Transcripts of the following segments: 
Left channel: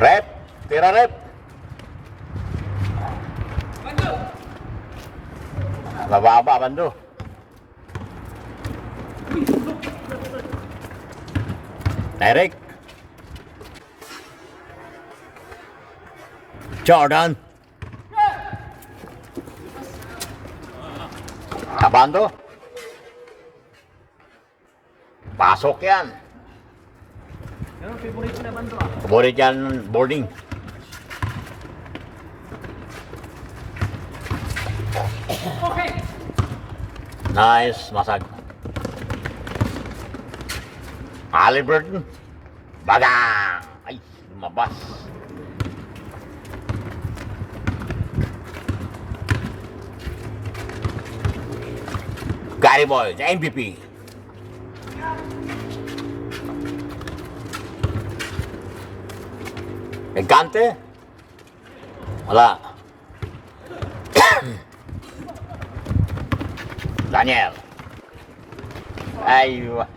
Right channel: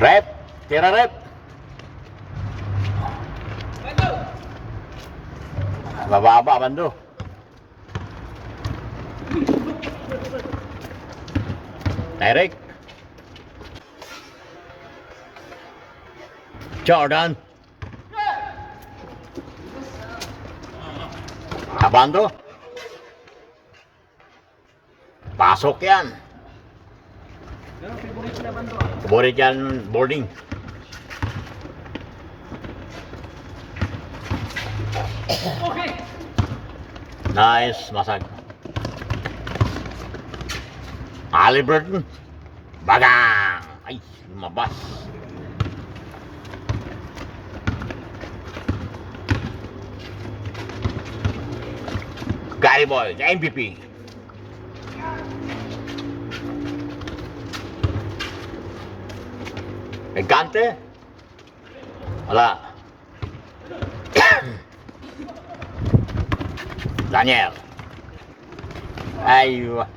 Rep, tira rep. Bababa, bando. Direct. Jordan. Abando. Pasok yan. Favorite yan boarding. Okay. Nice, masag. Halliburton. Bagang. Ay, lumabas. Gary Boy, the MVP. Gigante? Wala. Daniel. Aywa.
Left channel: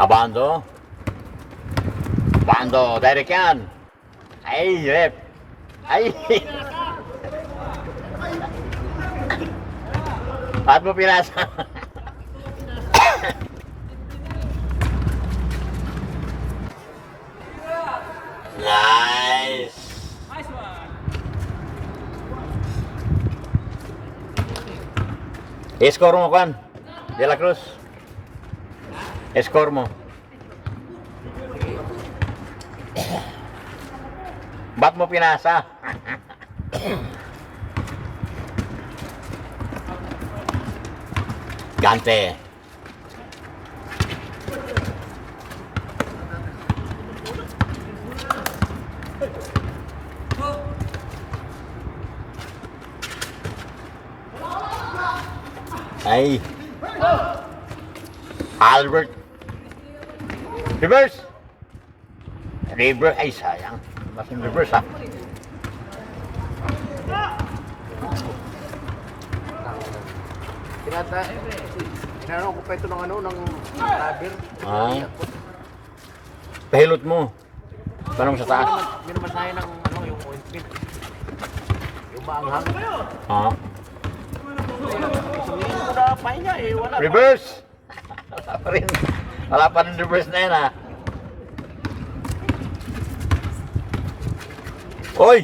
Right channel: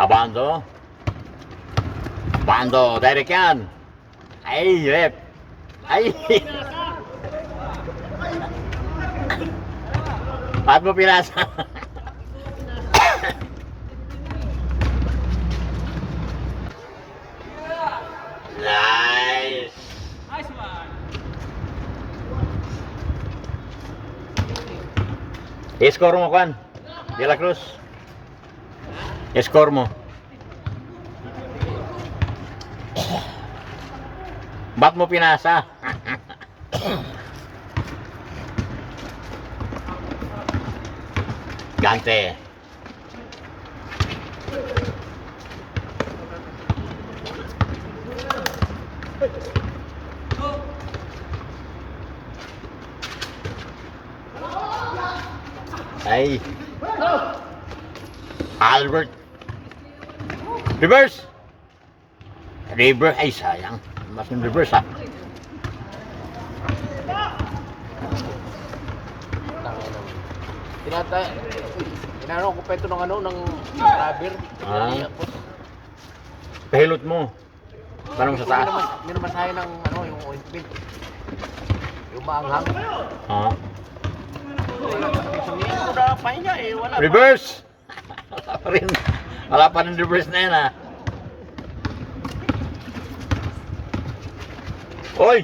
Abando. Abando, Derek yan. Ay, rep. Ay. Ba't mo pinasa? Nice. Nice one. I-score mo, Juan. De La Cruz. I-score mo. Ba't mo pinasa? Gante. Ay. Albert. Reverse. Reverse. Ay, sayang. Mas yung reverse, ha? Tinanong ko pa ito ng ano, ng rubber. Ah. Pahilot mo. Tanong sa taas. May masahe ng ano, yung ointment. Yung maanghang. Ah. Sumingin ko na pa niya eh, wala. Reverse. Wala pa rin. Wala pa rin reverse na yan, ha? Oy!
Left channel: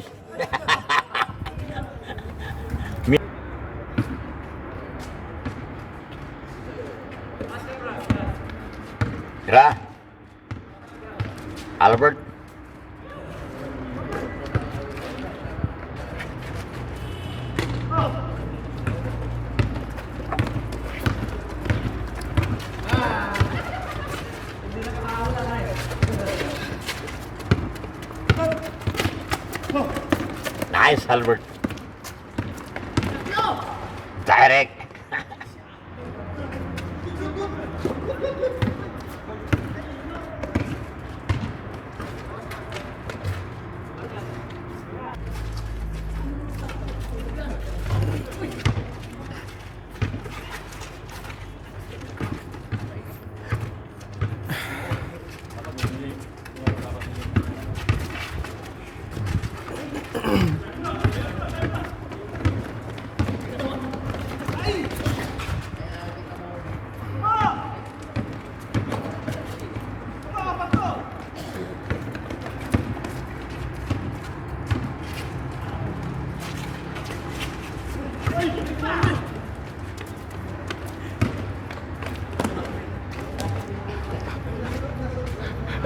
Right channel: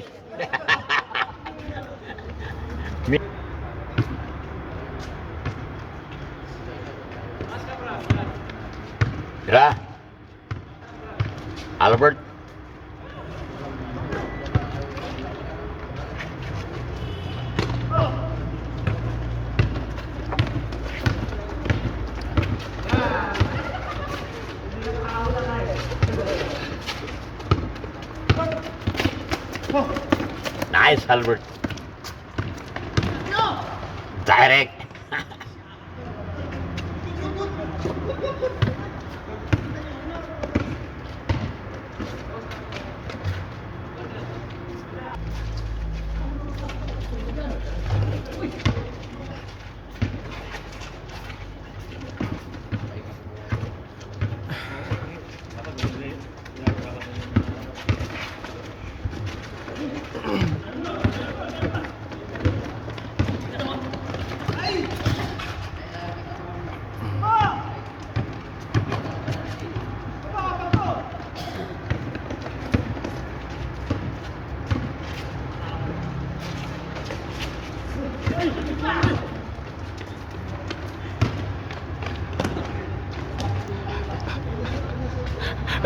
Tira. Albert. Nice, Albert. Direct.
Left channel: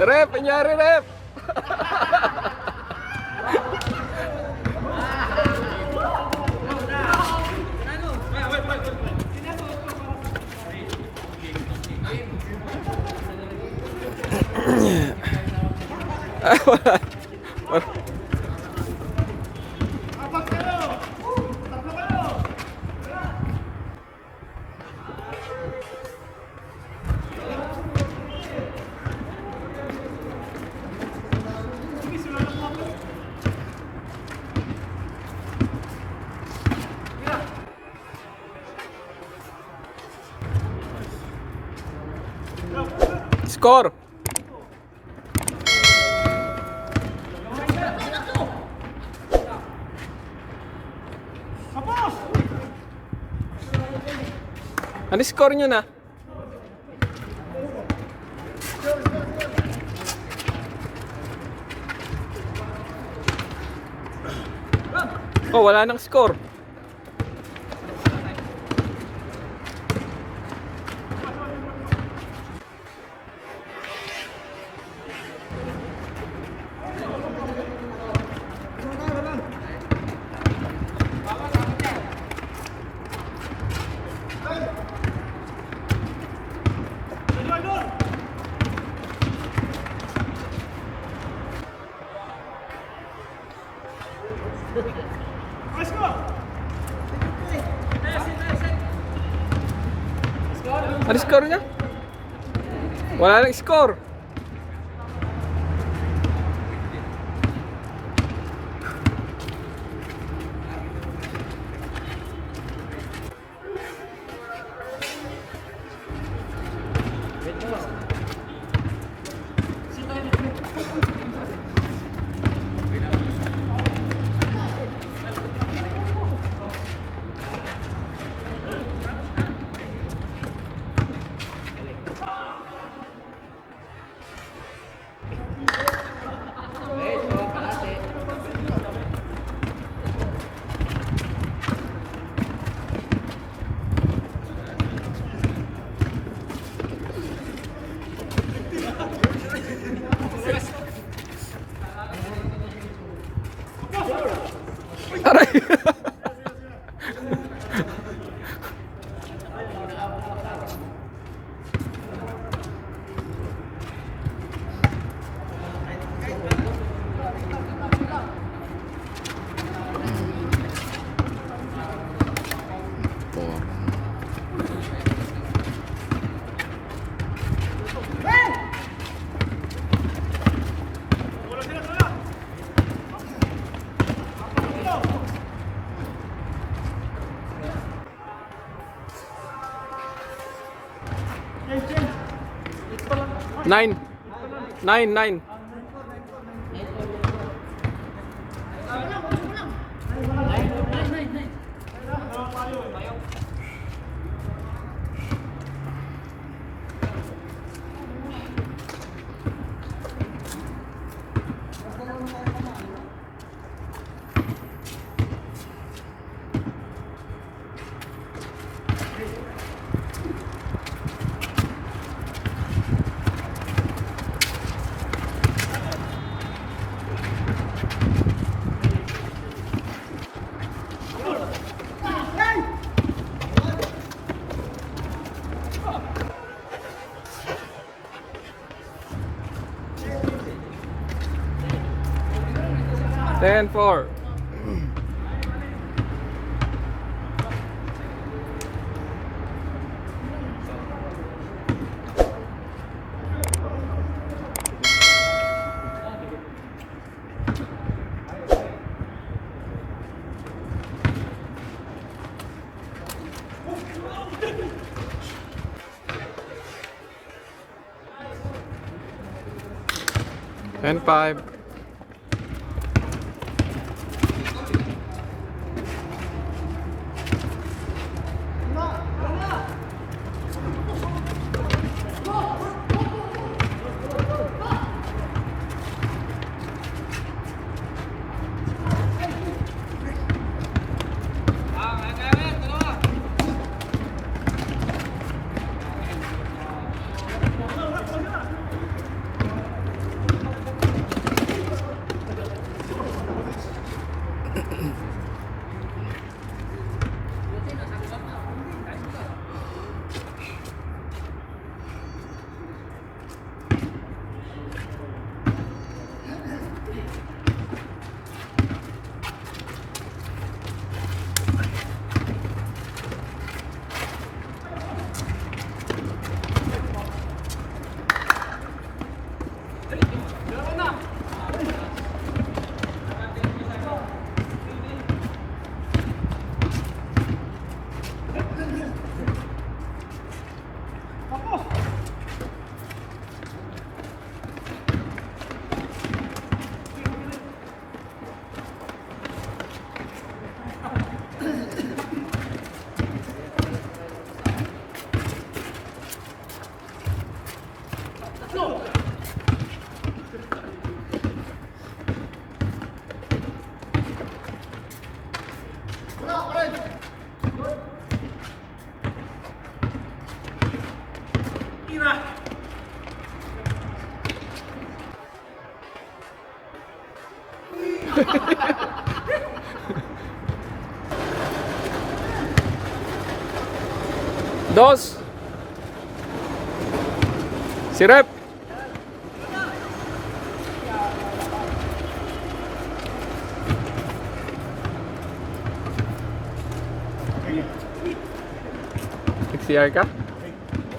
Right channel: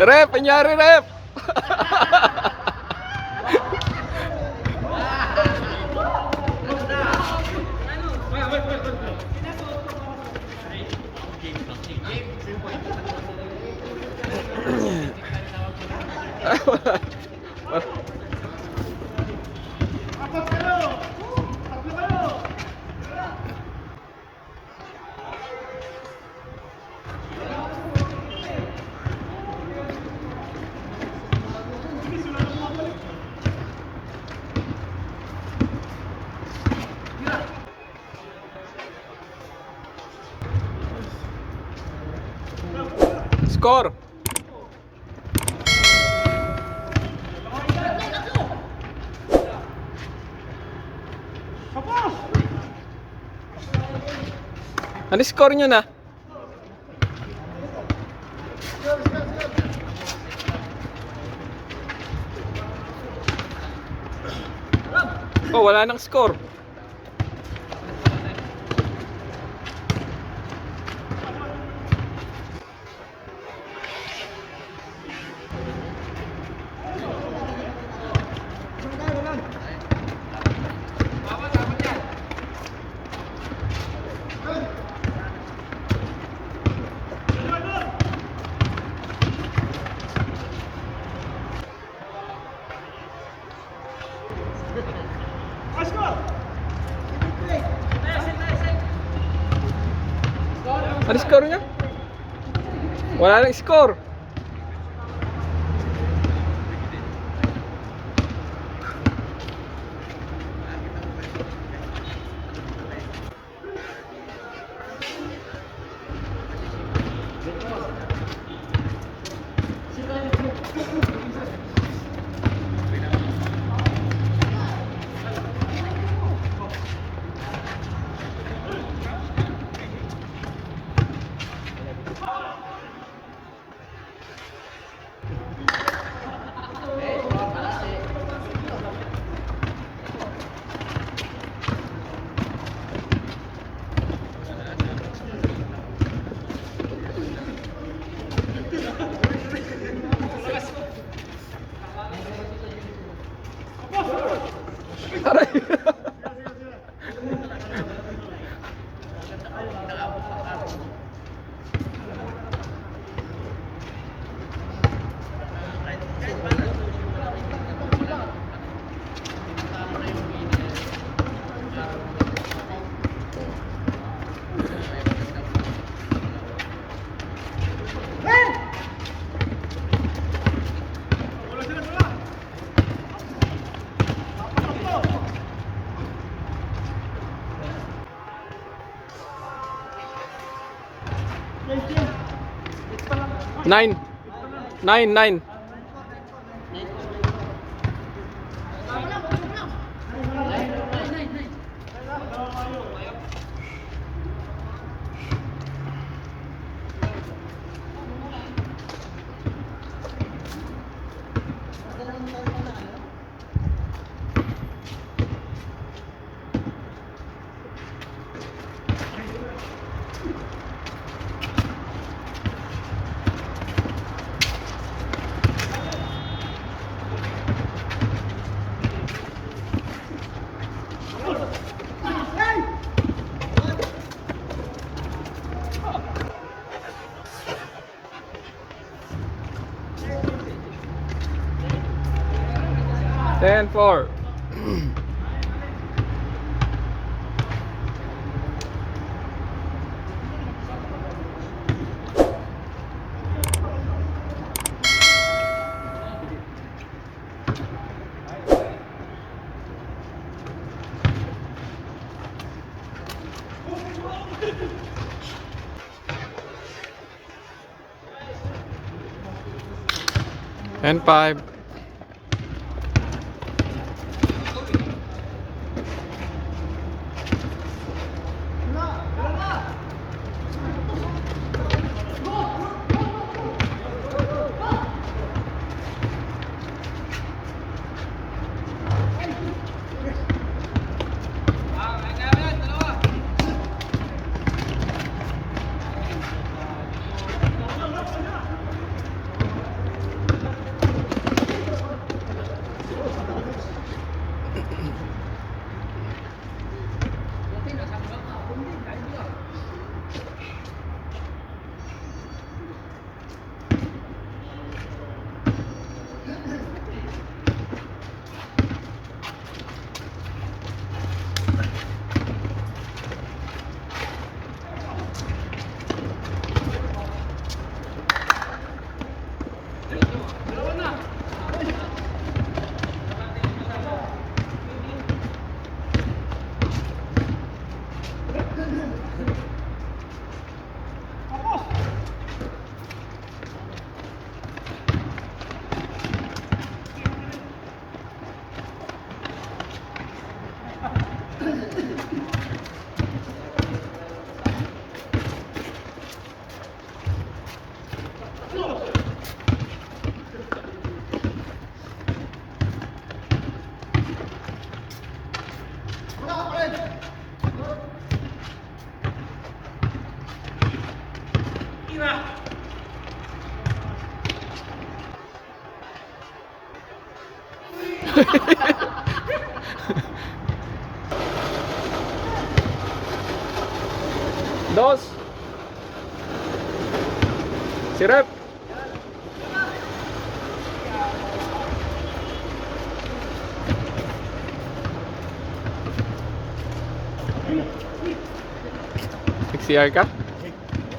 Rep, nangyari rep. Ay, wala. Wala. Score. Ano score nyo na? Oh, wala nang score. Ano score niya? Wala nang score. Aray. Nine. Nine. 10-4. And 5. Dos. Si Rep. Nag-CR ka?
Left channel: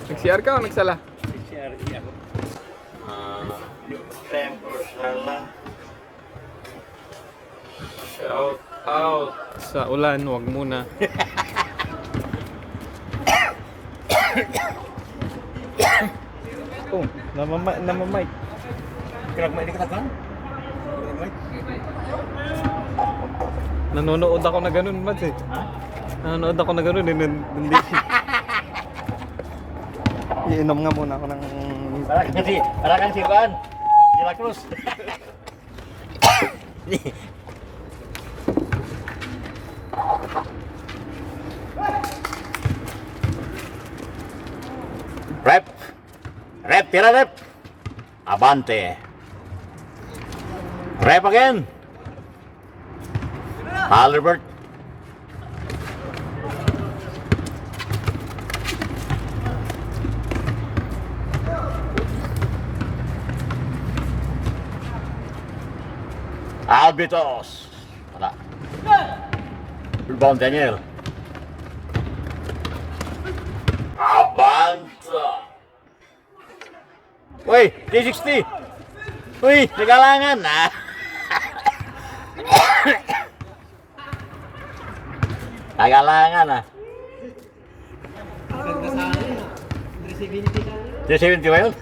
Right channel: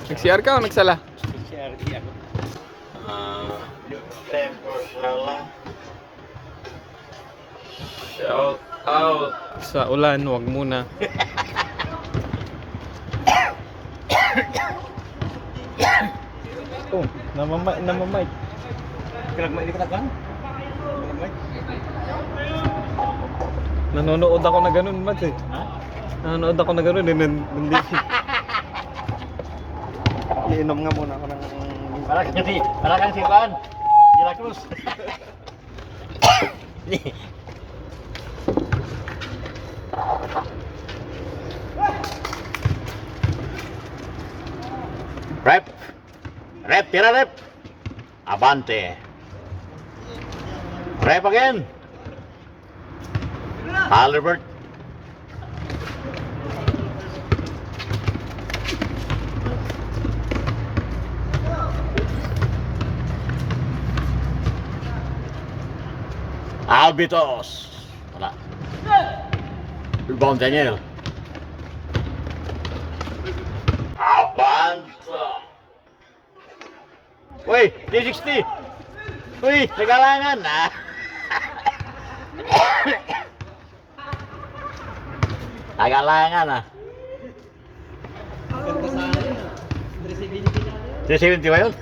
Nag-CR ka o nagsala? Tempo sala. Shout out. Sa ulan, wag muna. Oh, namamay. Kinagmay ka kan? Nanonood ako na ganun, Mads eh. Ha? Nanonood ako na ganun eh. Hindi. Iinom nga muna ako ng... Para kang si Juan. De la Cruz. Rep. Rep, tira rep. Abante. Rep again. Albert. Albitos. Wala. Rebound Daniel. Abanta. Uy, T60. Uy, nagalangan na. Nagalangan na. 370 ba yun?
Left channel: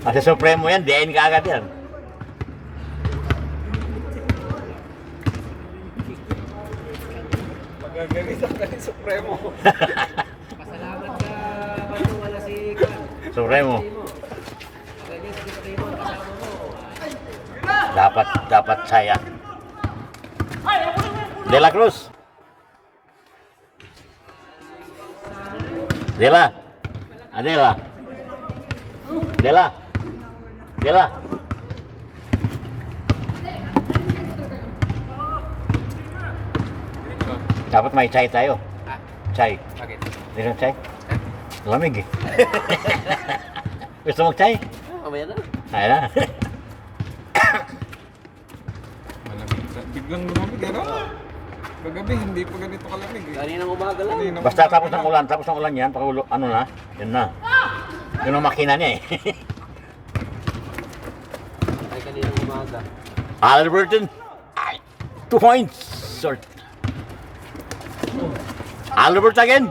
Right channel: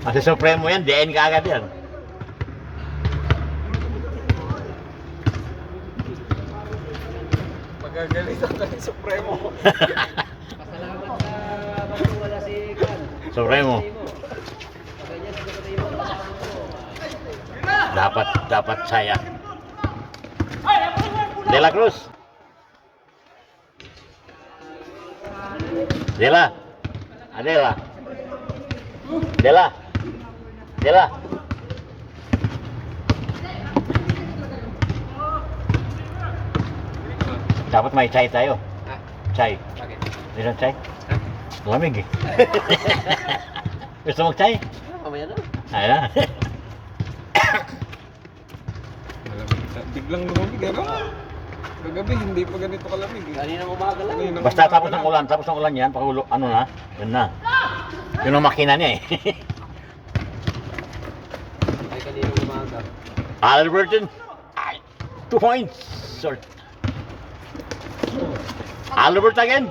Kasi Supremo yan, DN ka agad yan. Magagalitan ka rin Supremo. Supremo. Dapat saya. De la Cruz. Dela. Adela. Dela. Dela. Dapat may chai tayo. Chai. Bakit? Meron chai? Lamig eh. Gusto mo chai? Kamaya na. Ayun na. Malamig. Biglang lumamig, ano? Kagabi, hindi pa ganito kalamig eh. Kaninang umaga lang. Kaninang Basta umaga tapos ng ulan yan, pakulo, ano na, yun na. Yun ang makina niya eh. Ay, kaninang umaga. Alberton, 2 points, short. Albert again.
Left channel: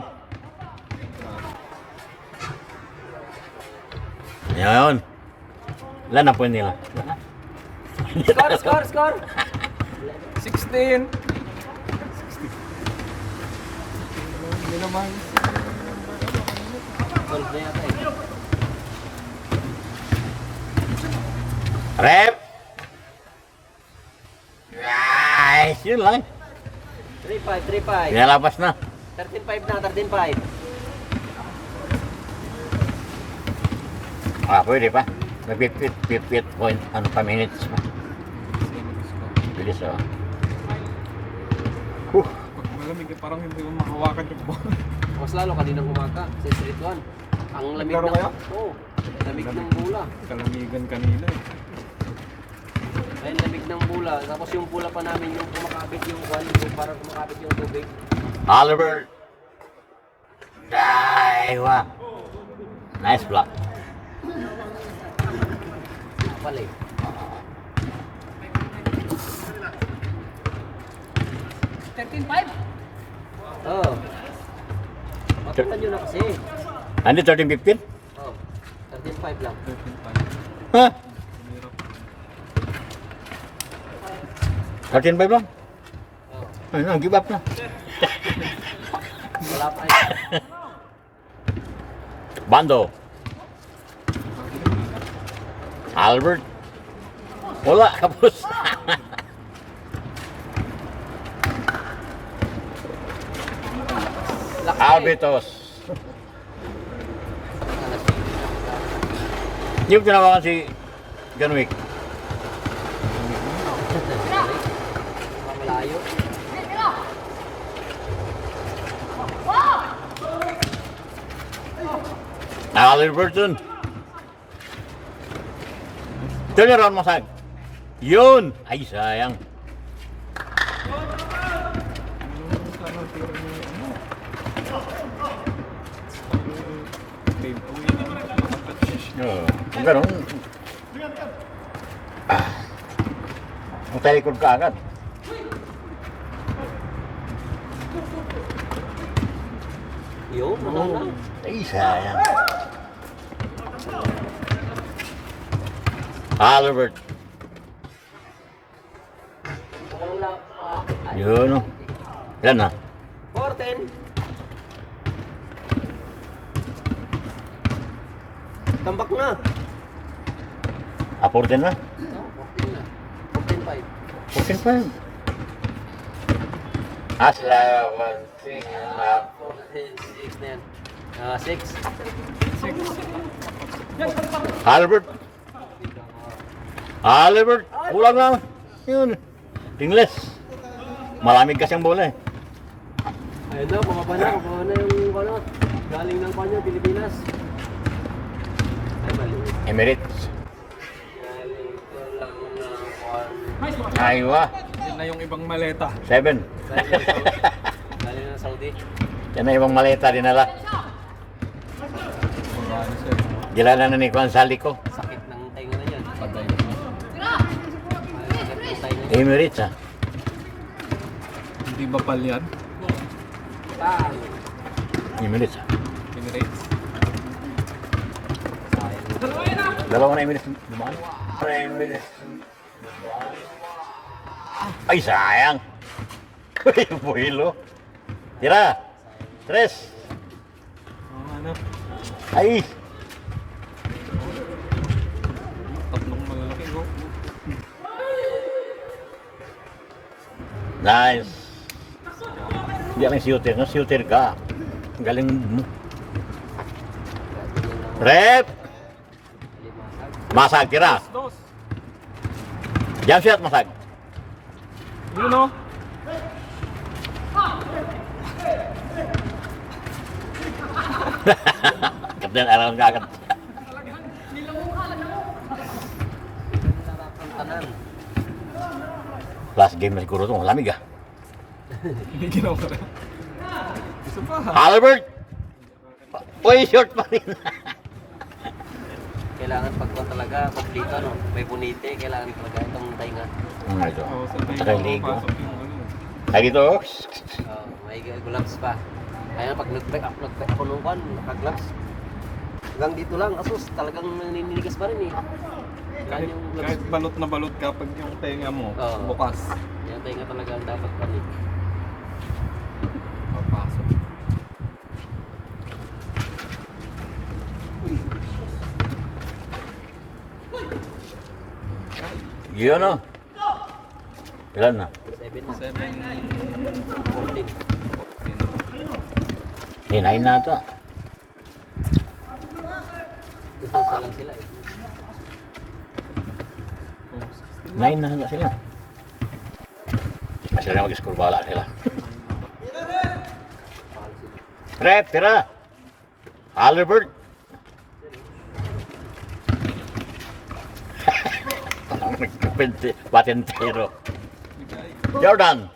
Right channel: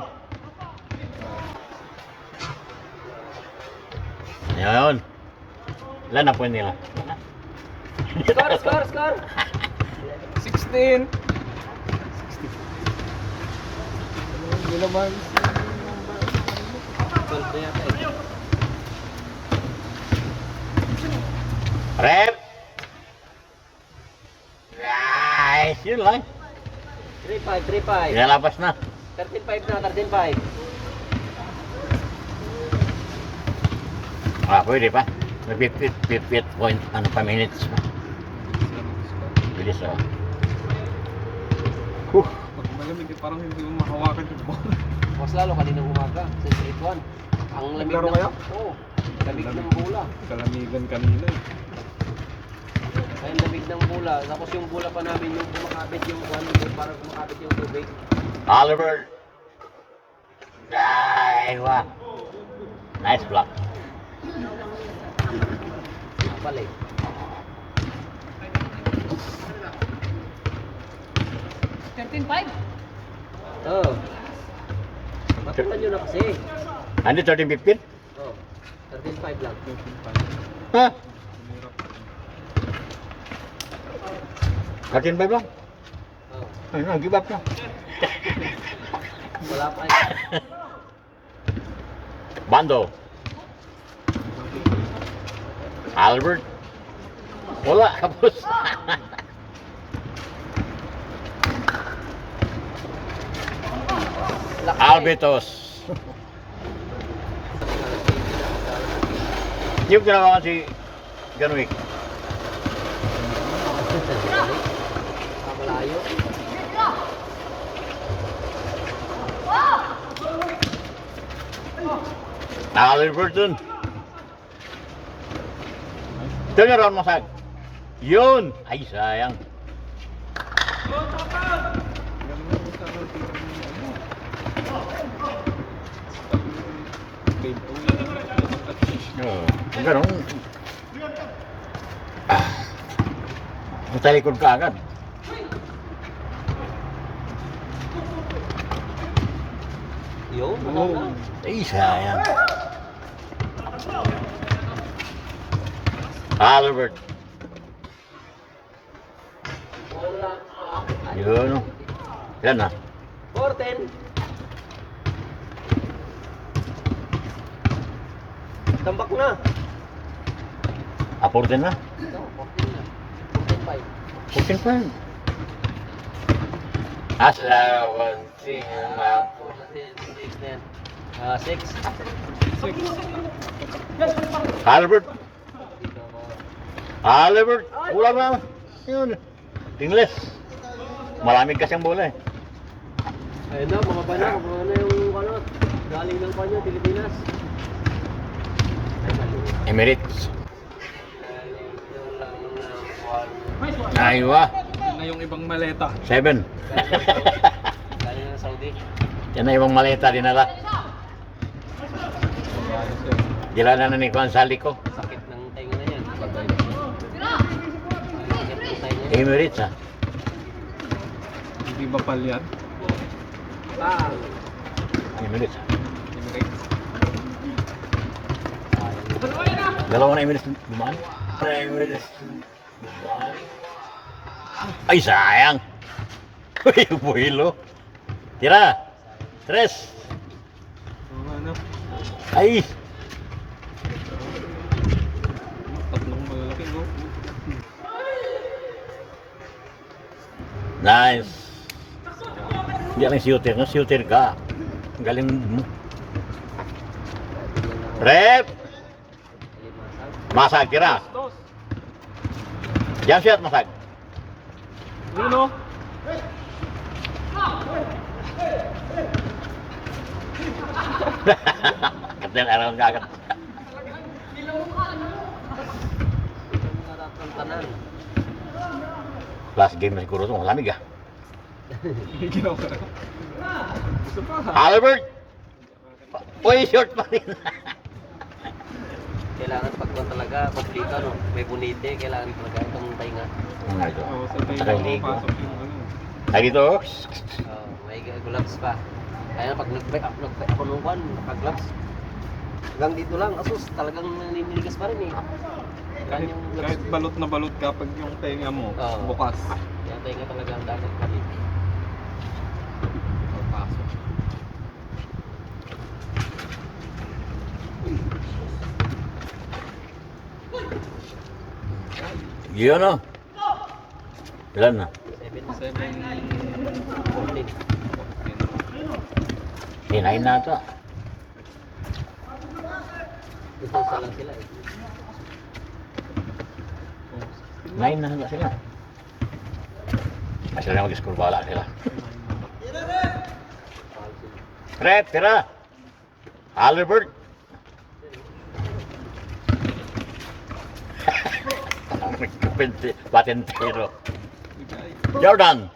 Yun. Ilan na point nila? Score! 16. Hindi naman. 12 na yata eh. Rep! Nice! Yun lang. 3-5. Pinalabas na. 13-5 na, 13-5. Pwede pa. May 50 point, ano pa minutes pa. Bilis oh. Pag malamig, parang hindi mo makawakan yung bola. Mas lalo kaninang umaga, sa Street 1. Ang lamig Naglaro kayo? Oo. Lamig ng bola. Kalamigan kanina. Ay, lamig ng bola. Tapos yung bola pa namin, yung kumakapit yung yung parang kumakapit yung tubig. Albert! Wow! Nice block. Pali. Oo. Matukan nyo na kasi. Hindi 13-15? Oo. 13-5 lang. 13-5. Ha? 13-5 lang? Oo. Ano, give up na. Wala pa Bando. Albert. Wala, kapos. Albertos. Yung tinawakan si Ganwick. Malayo. Halliburton. Turn around, Masag. Yun! Ay, sayang. Kung gano'n, ang talikod ka agad. Yun, Oh. Ay, sayang. Albert. Wala pa. Yun. Yan na. 4-10. Tambak na. Aportin na. 14 na. 14-5. 14-5. Aslawan sila. 6 na yan. 6. Albert. Albert. Kulang na. Yun. Tingles. Malamig kasi ang bola eh. Ayun na, mga panak. Kung ano yung ano, galing ng kanya, Pilipinas. Ay, mali. Emirates. Galing doon lang ng kwan. Aywa. Yun na yung ibang maleta. 7. Galing ng Saudi. Yan na ibang maleta dinala. Gilala na ni Juan Salico. Sakit ng tainga na yan. Patay. Ay, sakit ng tainga. Emirates ah. Hindi ba palyan? Bang! Emirates ah. Emirates. Dalawa na Emirates dumaan. Emirates. Ay, sayang. Uy, buhilo. Tira. 3. Ano? Ay. Tatlong malalaki go. Nice. Hindi lang shooter. No, shooter ka. Ang galing mo. Rep. Masag, tira. Dos. Jump shot, Masag. Yun o. Kapten alam ka agad. Sarap ng tanan. Last game na siguro ito. Lamig ah. Hindi ginawa ka rin. Gusto pa. Albert! Uy, short pa rin. Kailangan pagka talaga, pag dito, no, may bunite, kailangan talaga itong tainga. Ito. Oo, sa tayo Aray, ligo. pasok yung ano. Ay, dito. May gloves pa. Kaya pag nag-back ako nung kwan, naka-gloves. Hanggang dito lang, asus, talagang naniniligis pa rin eh. Kahit, kahit balot na balot ka pag yung tenga mo, Oo. bukas. Yung tainga talaga ang dapat pa rin. Papasok. Yun o. Ilan na? 7 na. 7, 14. Hinahin na ito. Ito sa lang sila eh. 9 na nga sila. Kasi na mag-score bala sila. Rep, tira. Albert. Patentero. Jordan.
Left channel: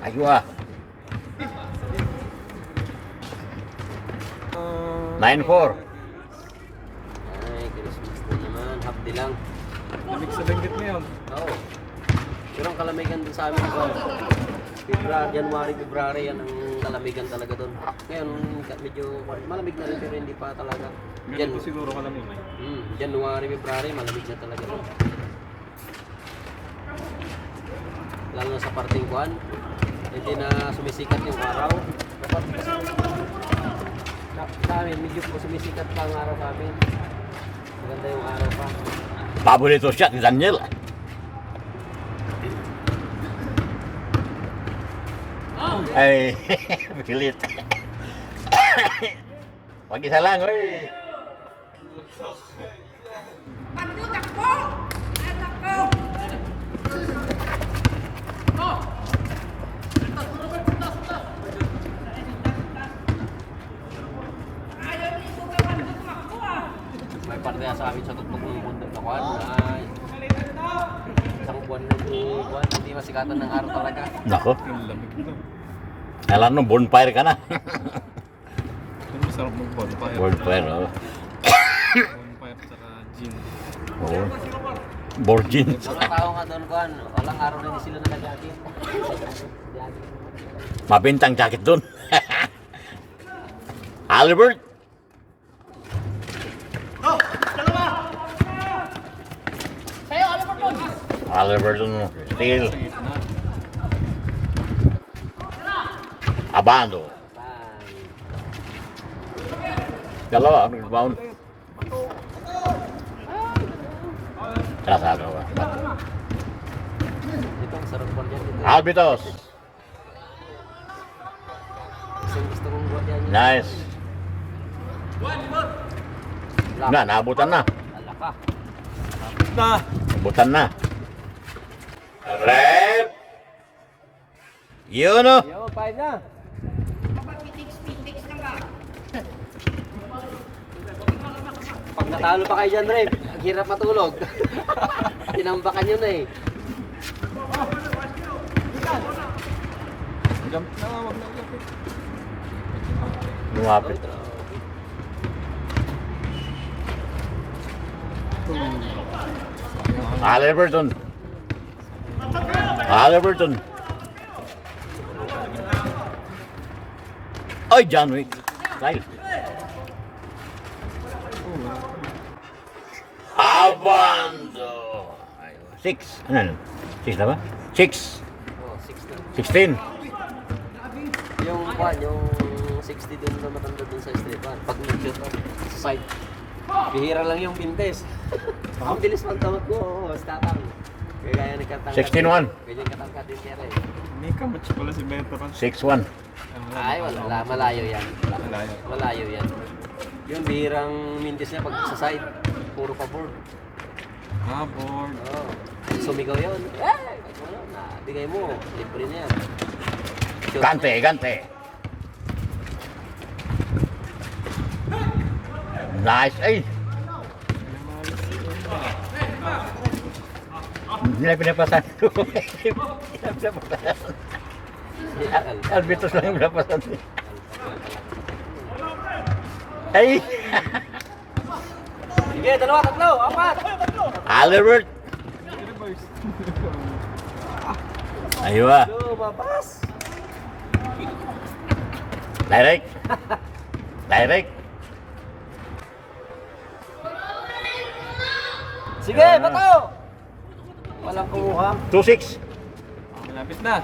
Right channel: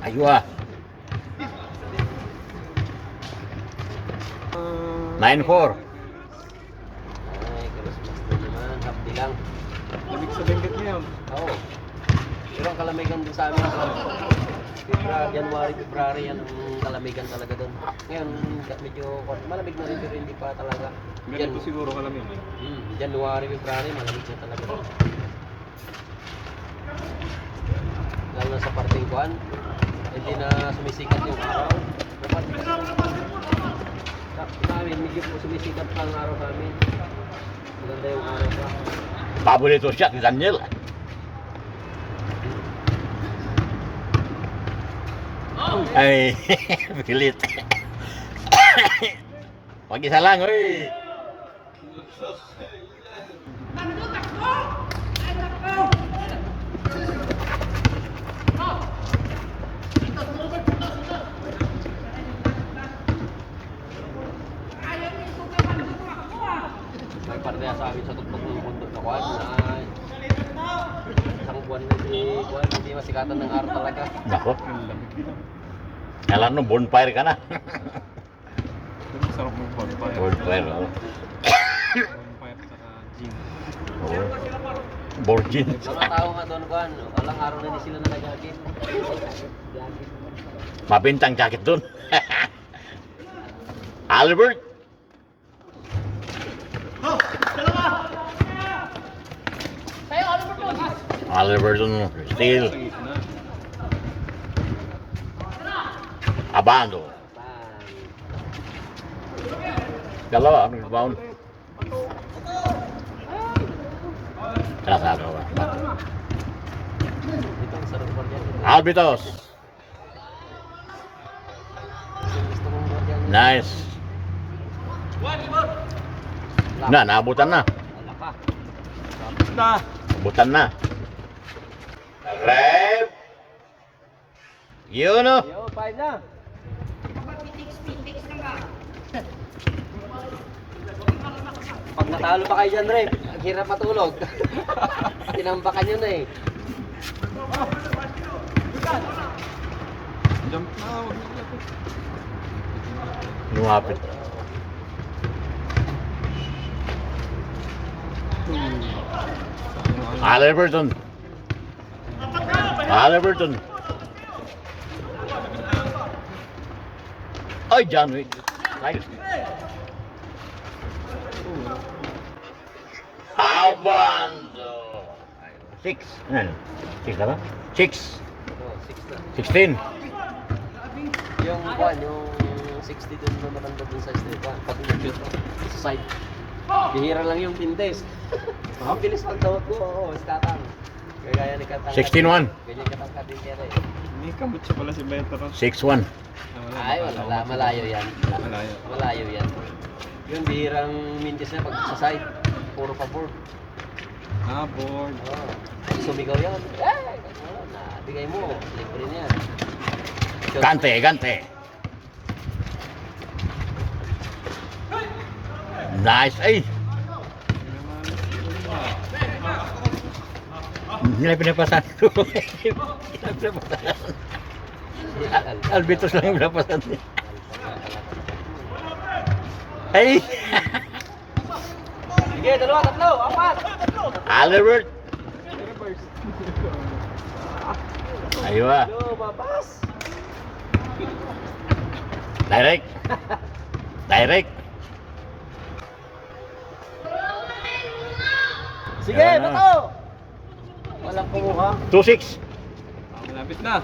Aywa. 9-4. Ay, Christmas na naman, hapdi lang. Lamig sa banggit mo yun. Oo. Pero ang kalamigan doon sa amin ko, January, February, yan ang kalamigan talaga doon. Ngayon, medyo malamig na rin pero hindi pa talaga. Ganito siguro ka lamig. January, February, malamig na talaga doon. Lalo na sa parting kuan, hindi na sumisikat yung araw. Dapat sa amin, medyo po sumisikat pa ang araw sa amin. Maganda yung araw pa. Paborito shot ni Daniel. Ay, pilit. Pag isa lang, oy. Juan, isang buwan na Juan, hindi masikatan ng araw talaga. Nako, Ang lamig dito. alam mo, bonfire ka na. Pero masarap mag-bonfire. Bonfire, oh. Bonfire tsaka gin. Oh. Borgin. Mga tao nga doon, Juan, walang araw na hindi sila nagagagin. Mabintang jacket dun. Albert. Albert dun. Steel. Abando. Dalawa, may bound. Sasama ka. Ito, ang sarap pa niyan. Albitos. Gusto mong buhat yan. Nice. Na, naabutan na. Alaka. Na! Naabutan na. Rep. Yun o. Yo, 5 na. Pag matalo pa kayo dyan, Rep, ang hirap matulog. Tinambakan nyo na eh. Jump na! Huwag na lapit. Lumapit. Halliburton. Halliburton. Ay, John Wick. Nice. Abando. 6. Ano? 6 na ba? 6. Oh, 6 na. 16. Yung Juan, yung 60 dun na matanda dun sa street. Pag nag-shoot sa side. Bihira lang yung pintes. Ang bilis ng tawag ko. Oo, statang. Kaya ni Katang. 16-1. Ganyan katangkat din kaya eh. May kamutsa pala si Veteran. 6-1. Ay, wala. Malayo yan. Malayo. Malayo yan. Yun, bihirang mintis niya pag sa side. Puro pa board. Ah, board. Oo. Sumigaw yan. Bigay mo. Libre niya. Gante, gante. Nice. Ay! Hindi na pinapasan ko. Albitos lang yung pinapasan. Ay! Sige, dalawa, tatlo, apat. Albert! Aywa. Lumabas. Direct. Direct. Sige, bato. Walang kumuha. 2-6. Malapit na.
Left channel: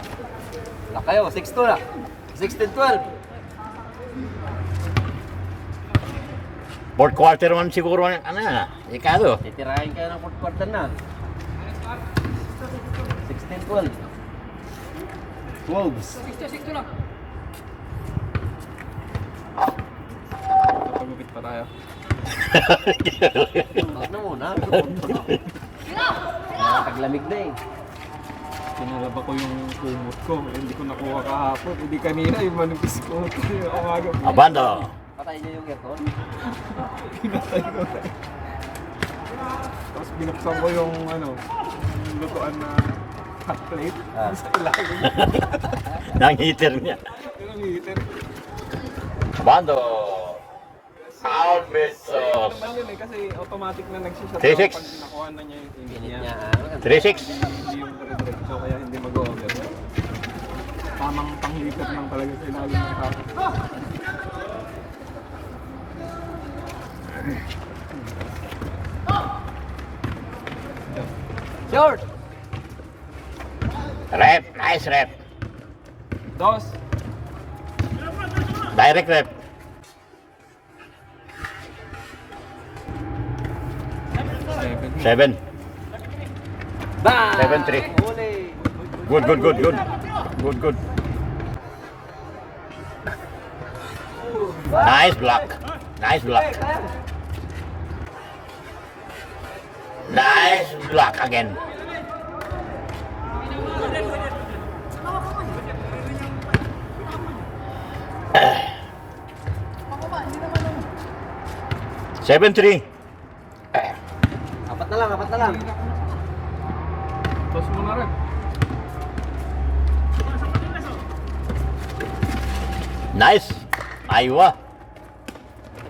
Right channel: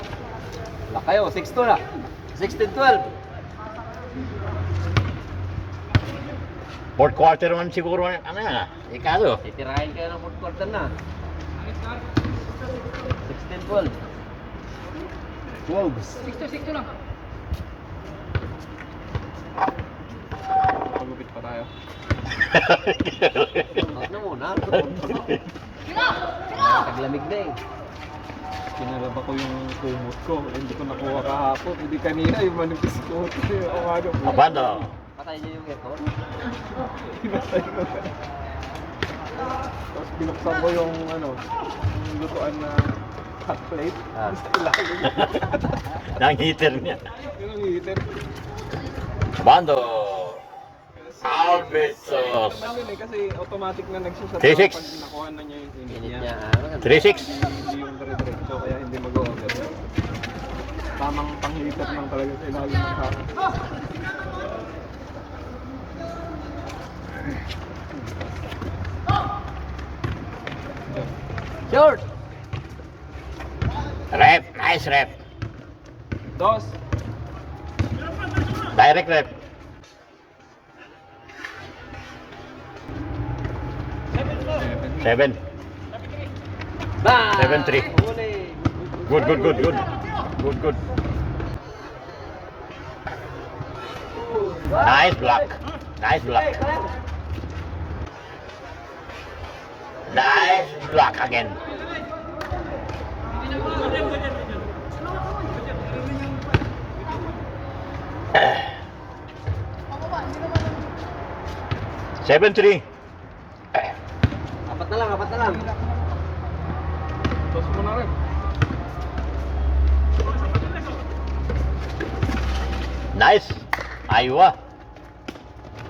Wala kayo, 6-2 na. 16-12. Fourth quarter man siguro. Ano na? Ikado. Titirahin kayo ng fourth quarter na. 16-12. Wolves. 6-2 lang. Pagupit pa tayo. Ano muna? Taglamig na eh. Pinaraba ko yung kumot ko. Hindi ko nakuha kahapon. Hindi kanina yung manipis ko. Yung aga po. Abando. Patay niyo yung aircon. Pinatay ko na. Tapos binuksan ko yung yung lutuan na hot plate. Sa ilalim. Nang heater niya. Yung heater. Abando. Albitos. Naman yun eh, kasi automatic na nagsisat 3-6. pag nakuha na niya yung init Init niya. niya. 3-6. Hindi yung dire-diretso, kaya hindi mag-over. Tamang pang-heater lang talaga sa ilalim ng kaya. George! Rep. Nice rep. Dos. Direct rep. Seven. 7. Bang! 7-3. Huli! Good, good, good, good. Good, good. Nice block. Nice block. Nice block again. Seven three. Apat na. apat na lang. Tapos mo na rin. Nice. Aywa.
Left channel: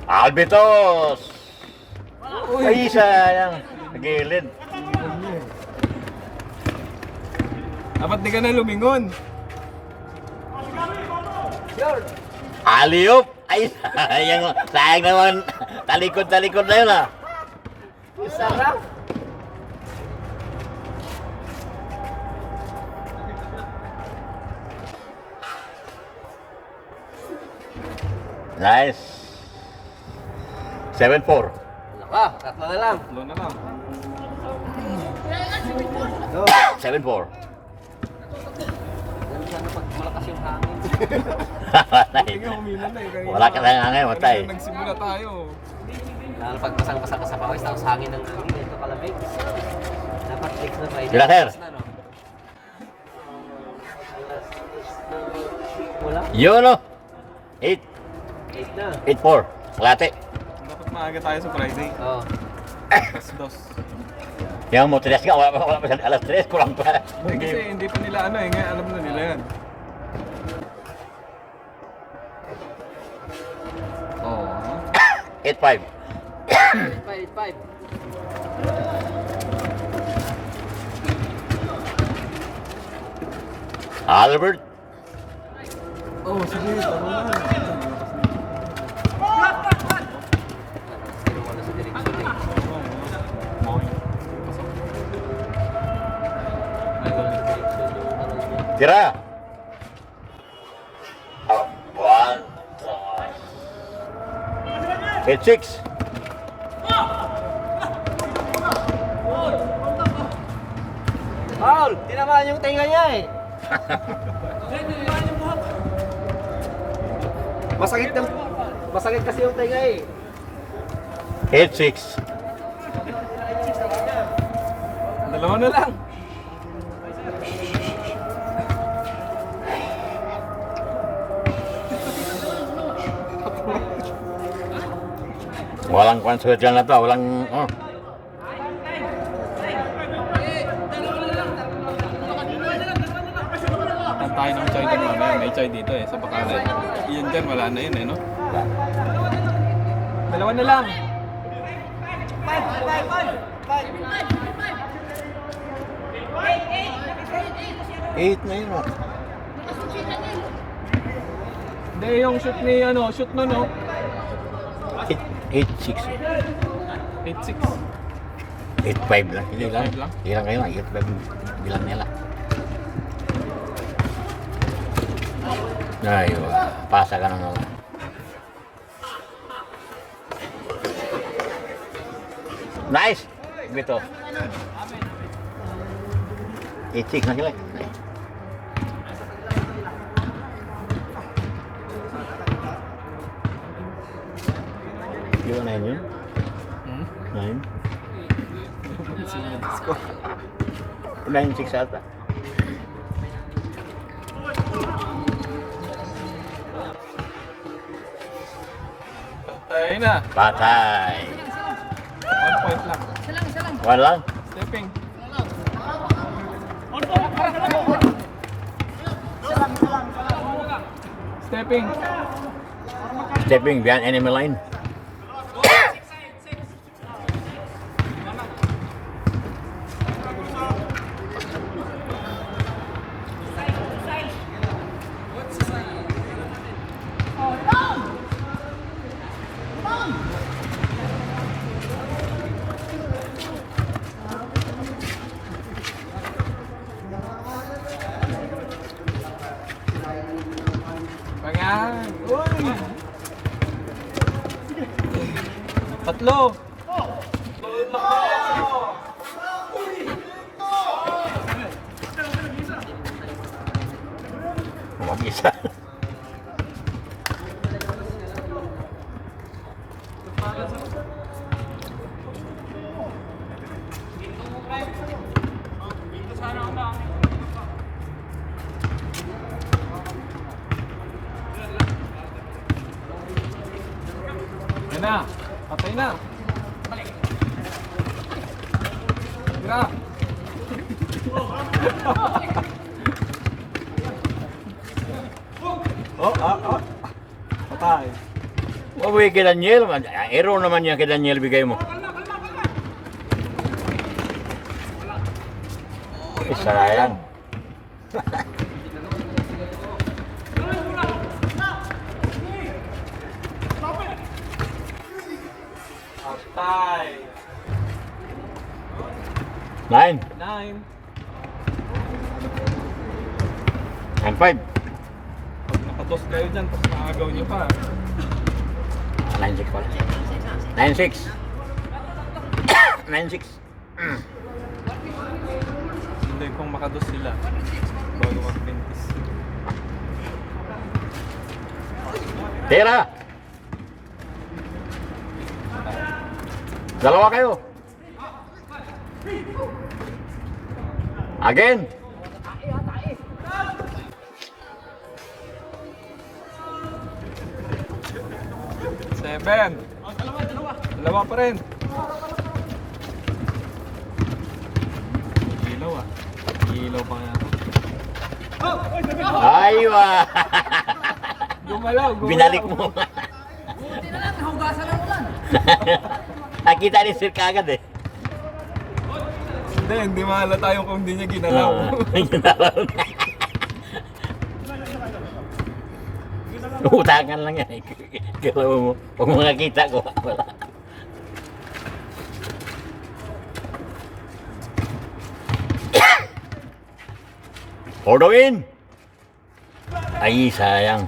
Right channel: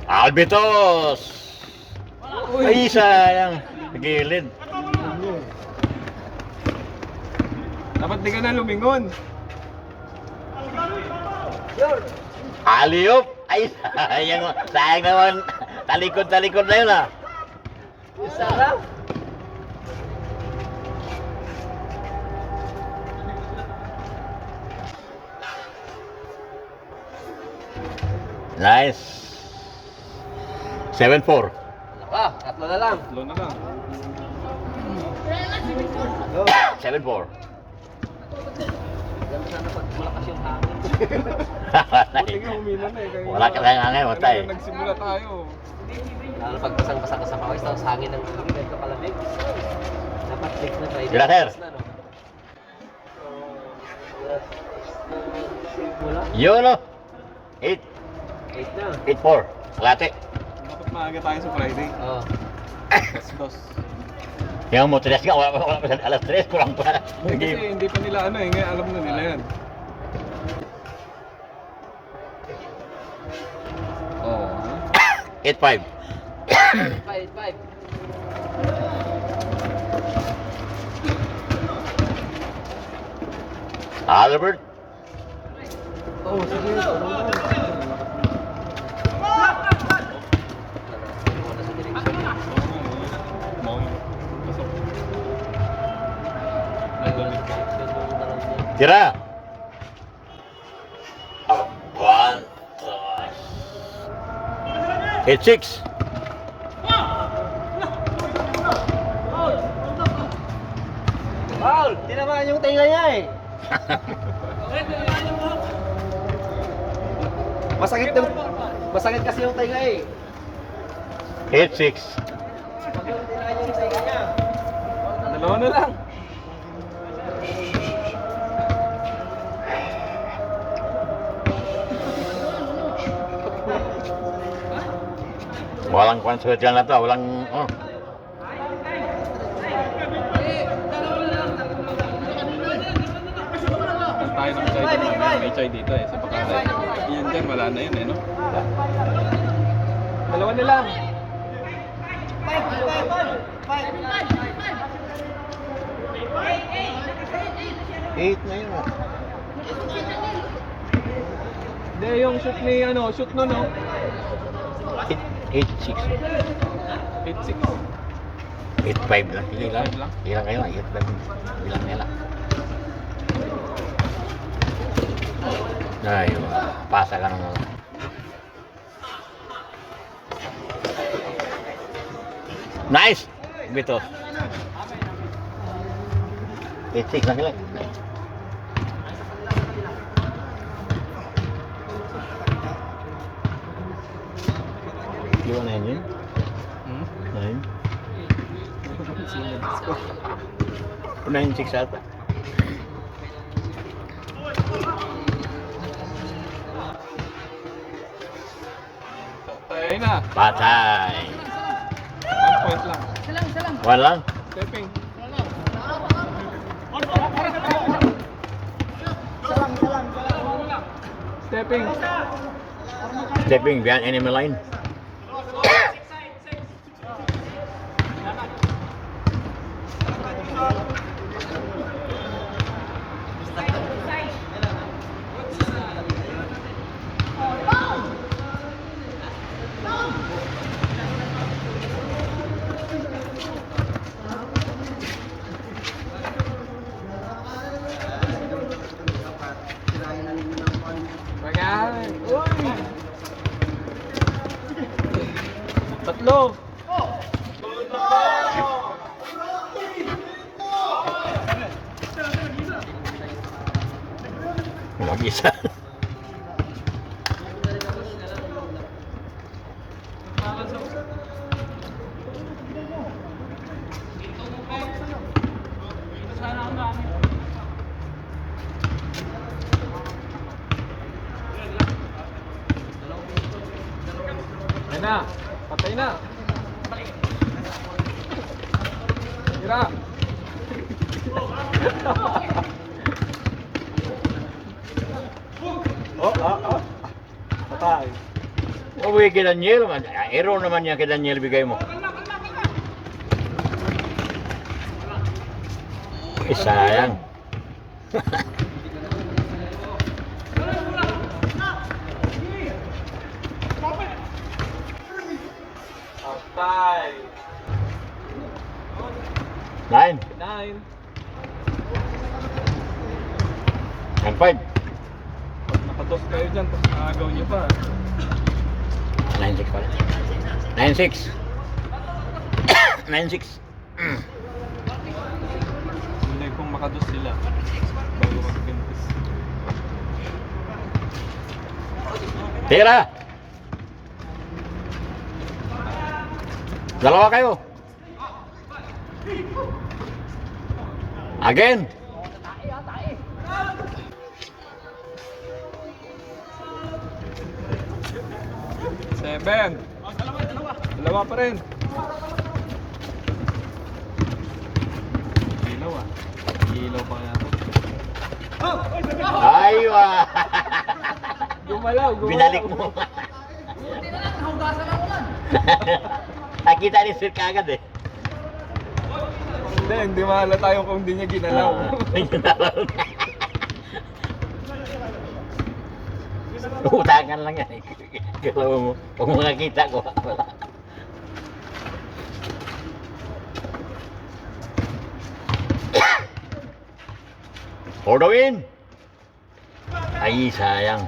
Albitos. Ay, sayang. Gilid. Dapat di ka na lumingon. Aliop. Ay, sayang. Sayang naman. Talikod na yun ah. Sarap. Nice. 7-4. Tatlo na lang. Tatlo na lang. 7-4. Ganun sana pag malakas yung hangin. Sige, humina na eh. Kanina. Wala ka tayong hangin, matay. Kanina nagsimula tayo. Lalo pag basang-basa ka sa pawis, tapos hangin ng hangin, ganito kalamig. Dapat fix na tayo. Sila, sir. Wala. Yun o. 8. 8 na. 8-4. Kalate. Dapat maaga tayo sa Friday. Oo. Dos. Yung mo, 3 ka. Wala pa sa alas 3. Kurang pa. Kasi hindi pa nila ano eh. Ngayon alam na nila yan. Oo. 8-5. 5. Albert. Oh, sige. Tira. 8-6. Paul, tinamaan yung tinga niya eh. Masakit kasi yung tinga eh. 8-6. Dalawa na lang. Walang konsert yan na to. Walang, oh. Ang tayo ng chai din mamaya. May chai dito eh. Sa Bakalay. Yan dyan. Wala na yun eh, no? Dalawa na lang. 8 na yun, oh. Hindi, yung shoot ni ano, shoot na no. 8-6. 8-6. 8-5 lang. Hindi lang. 8-5 lang. Ilang kayo lang. 8-5. Bilang nila. Ay, pasa ka na. Nice! Bito. 8-6 na sila. Di ba 9 yun? Hmm? 9? 9-6 ata. Tayo na. Patay. 1 point lang. Walang. Stepping. Stepping. Stepping behind enemy line. Ayan. Uy. Tatlo. Wag isa. Ayan na. Patay na. Tira! Patay. Uwi kay Daniel. Error naman yan kay Daniel bigay mo. Sayang. Patay. 9 9. and 5. Pag nakados kayo dyan, tapos naagaw nyo pa. 9-6 pala. 9-6. 9-6. Hindi kung makados sila. Bago mag-20. Tira! Dalawa kayo. Again. Seven. Dalawa pa rin. Ilaw ah. Ilaw pa natin. Aywa. Gumalaw, gumalaw. Binalik mo. Nakita ni Sir kagad eh. Hindi mahalata yung kung hindi niya ginalaw. Ginalaw na. Utangan lang yan eh. Galaw mo. Huwag mo nakita ko. Wala. Ordo in! Ay, sayang.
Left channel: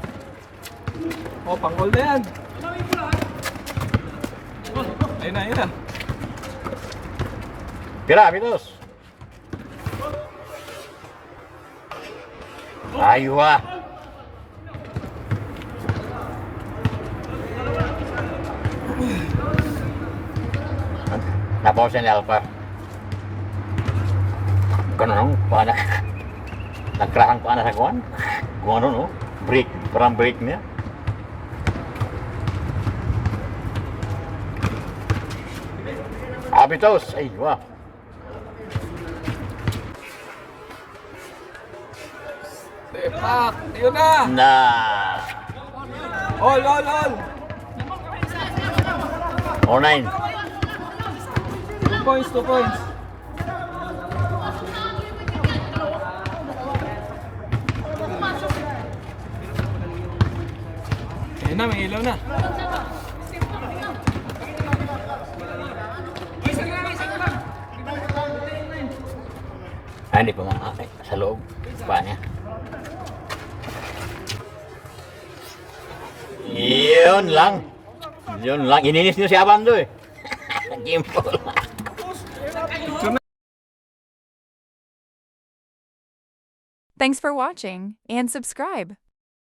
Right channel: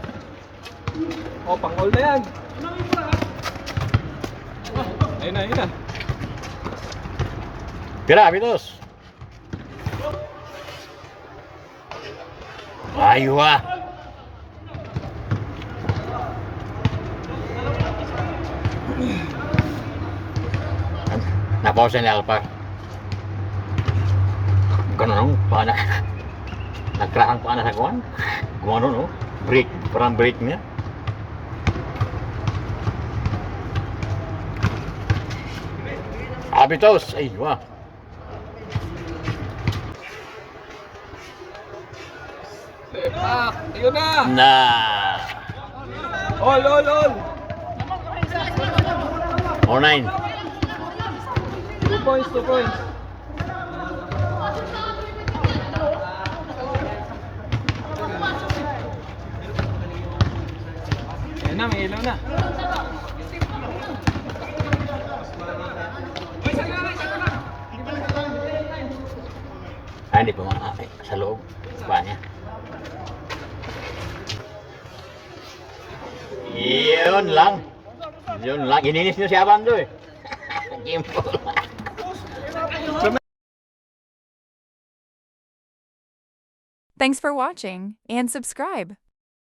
Oh, pang-all na yan. Ayun na, ayun na. Tira, Pitos! Aywa! Napausin ni Alpha. Ganun, paano? Nagkrahang paano sa kuwan? Kung ano, no? Break, parang break niya. Abitos! Ay, wah! Sepak! Ayun na! Na! All, all, all! 4-9. 2 points, 2 points. Ayun na, may ilaw na. Ah, hindi pa makakay. Sa loob. Pa niya. Yun lang. Yun lang. Ininis niyo si Abando eh. Gimpo lang. Thanks for watching and subscribe.